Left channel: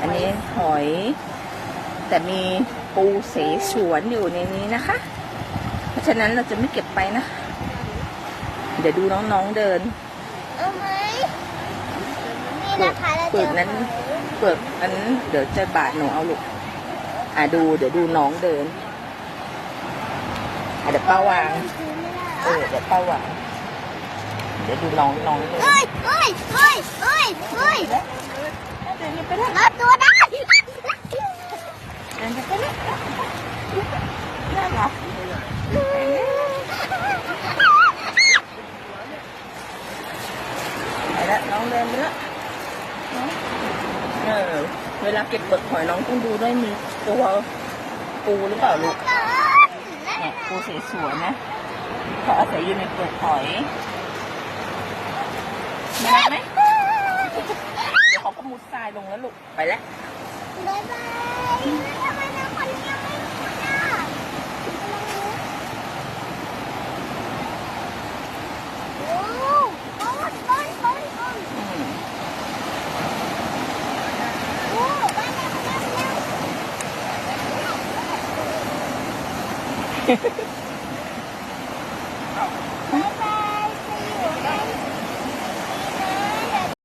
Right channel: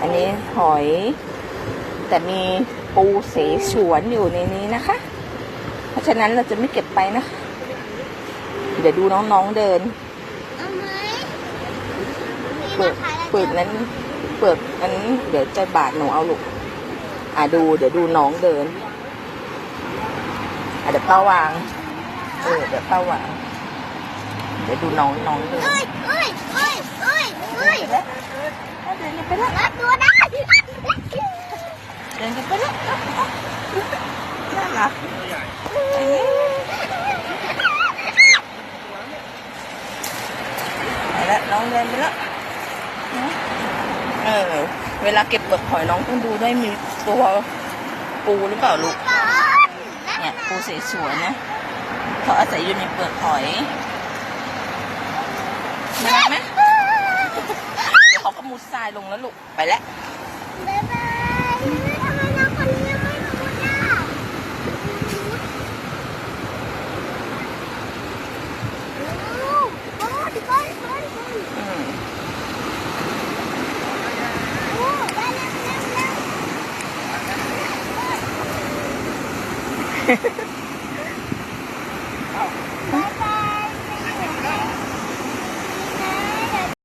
อันนี้หอย แต่มีปูเสฉวนอยู่ในนี้นะคะ เพราะฉะนั้นเราจะไม่เก็บไปนะคะ เดี๋ยวดูน้องๆเดิน เปลือกเปลือกนั้น เปลือกนั้นเดี๋ยวจะบาดหนูเอาลูก อะดู เดี๋ยวดูน้องเดิน อะเดี๋ยวป้าวาง เออ เดี๋ยวป้าวาง เดี๋ยวดูน้องน้องเดิน รับตัวได้เดินกันไปแล้วน่ารักเอ๊ะไปแล้วน้องเดินไปแล้วเออ เวลาเก็บเปลือกหอยน้องต้องดูด้วยมีตัวปูหรือเปล่าลูก เนี่ยปูสสวยๆนะเขาอาศัยอยู่ในเปลือกหอยน่าไหม มุดทรายลงแล้วลูก ไปแล้ว บ๊ายบายทำไมน้องคนนี้ไม่รู้อะโอ้โหโอ้ยไปไปไปอืมโอ้ไปแล้วไปแล้ว